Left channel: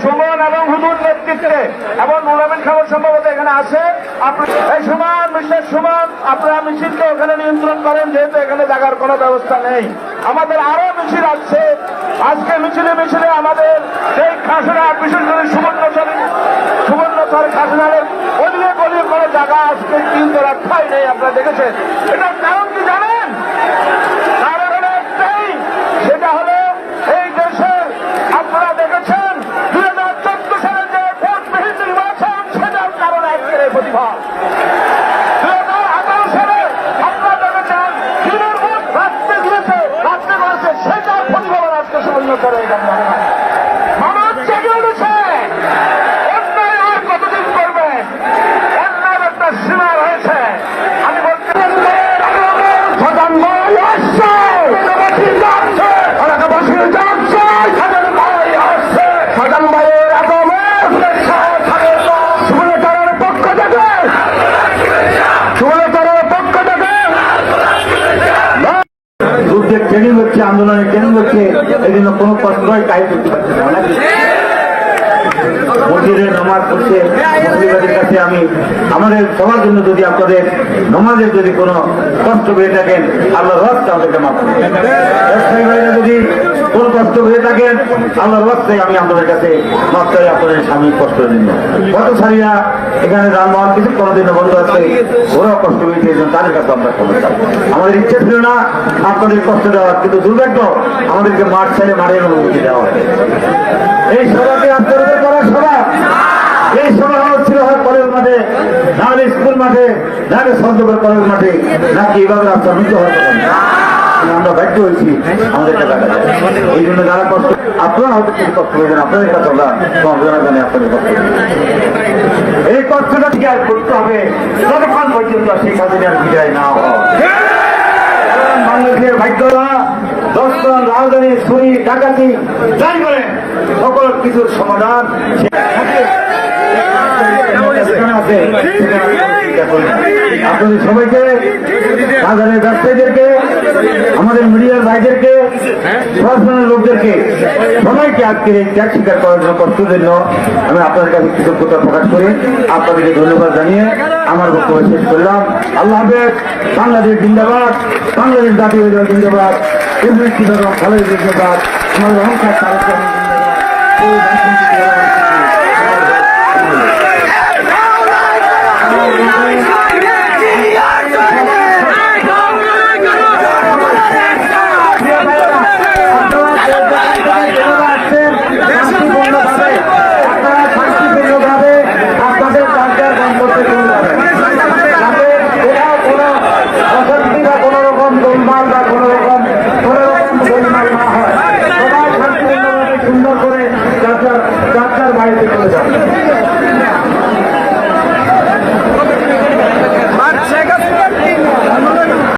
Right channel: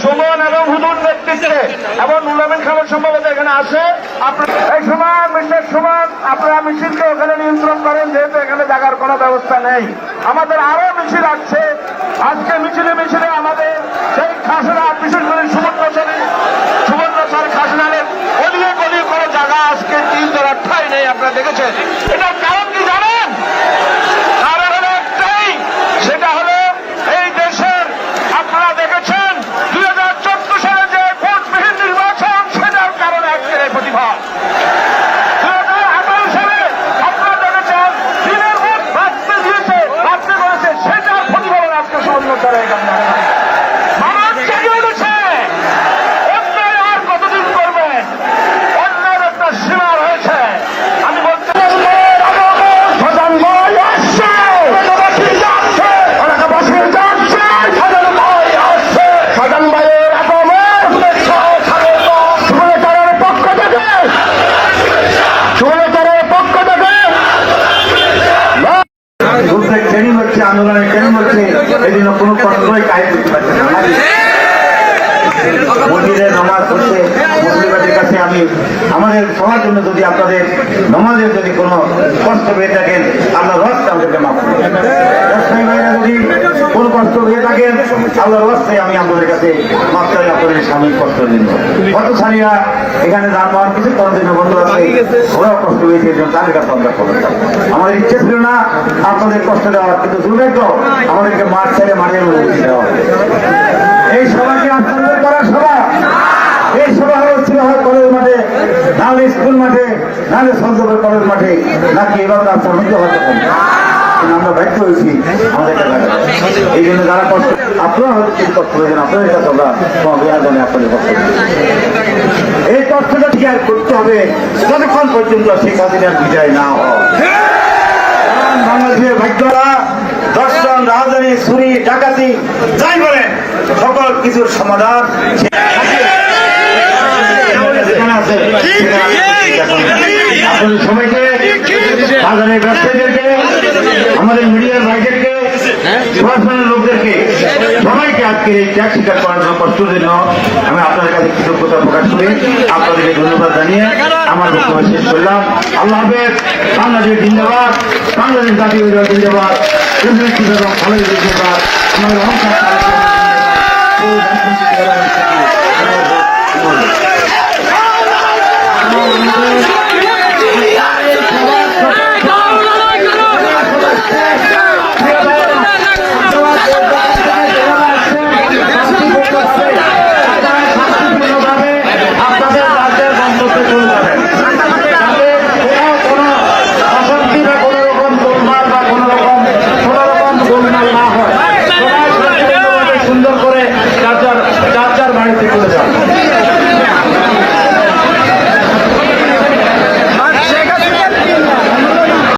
সুমন এবং হুদুর নেতৃত্বে এবং নুরামিন খাবার সম্ভবত এখানে আসে। ওই সময় মিস্টার সুমন, আপনারা মিছিলকে ওখানে নিয়ন্ত্রণ করেন, যেহেতু এখানে জাগার কোনো ব্যবস্থা নেই। আমাদের আরও মিছিল আসছে আজকে মিছিলে মিছিলে আমাদের সেই খাসনা বিশেষ করে সুবর্ণচারী সুবর্ণচার খাসনারের অলিয়ে গলিয়ে করে জায়গা আজকে তিন জোড়া ঠাই নেই, আপনারা দেখেছেন। এটা আজকের যুদ্ধের ট্রেনিং হচ্ছে, আন্দোলনে ট্রেনিং হচ্ছে, এদিন কোনো কষ্টই কাহিনী করতে পারছে আমি আমাদের সবার জন্য যদি আপনাদের যদি কোনো কষ্ট হয়ে থাকেন আল্লাহর রাস্তায় আমি আপনাদের কাছে বাচ্চারা করে সামনে কষ্ট দিন কত সারিয়া এখানে যানবাহন কিছু করার জন্য বন্ধ আছে, ওরাও কষ্ট হয়েছে তাদের কাছে আমরা খবর আমাদের ইচ্ছে ছিল না আপনাদের কষ্ট দেওয়ার, কিন্তু দুর্ভাগ্য আমাদেরকে মাঠ ছেড়ে মারিয়ে। এই সভাকে অন্তর্ভুক্ত করা সভা এই সভা হচ্ছে আমার কলেজ মাঠে নাহলে স্কুল মাঠে নাহলে সন্তপুর কলেজ মাঠে নাকি এভাবে আপনার মতো হবে এই কষ্টটা করতে হবে যতক্ষণ পর্যন্ত শেখ হাসিনার বিদায় হয় ভাগ্যরা দর্শন রাজধানী ছুরি ডাকাতি যাই বলেন সকল কিছুর সমাধান। সবাইকে আজকে এই ত্যাগ স্বীকার করার জন্য কষ্টের জন্য আমি আপনাদের কাছে কৃতজ্ঞতা প্রকাশ করি। আপনাদেরকে ধন্যবাদ জানিয়ে আমার বক্তব্য শেষ করলাম। আল্লাহ হাফেজ। বাংলাদেশ জিন্দাবাদ। বাংলাদেশ জাতীয় জিন্দাবাদ। জিন্দাবাদ। ভালো জিন্দাবাদ আমাদের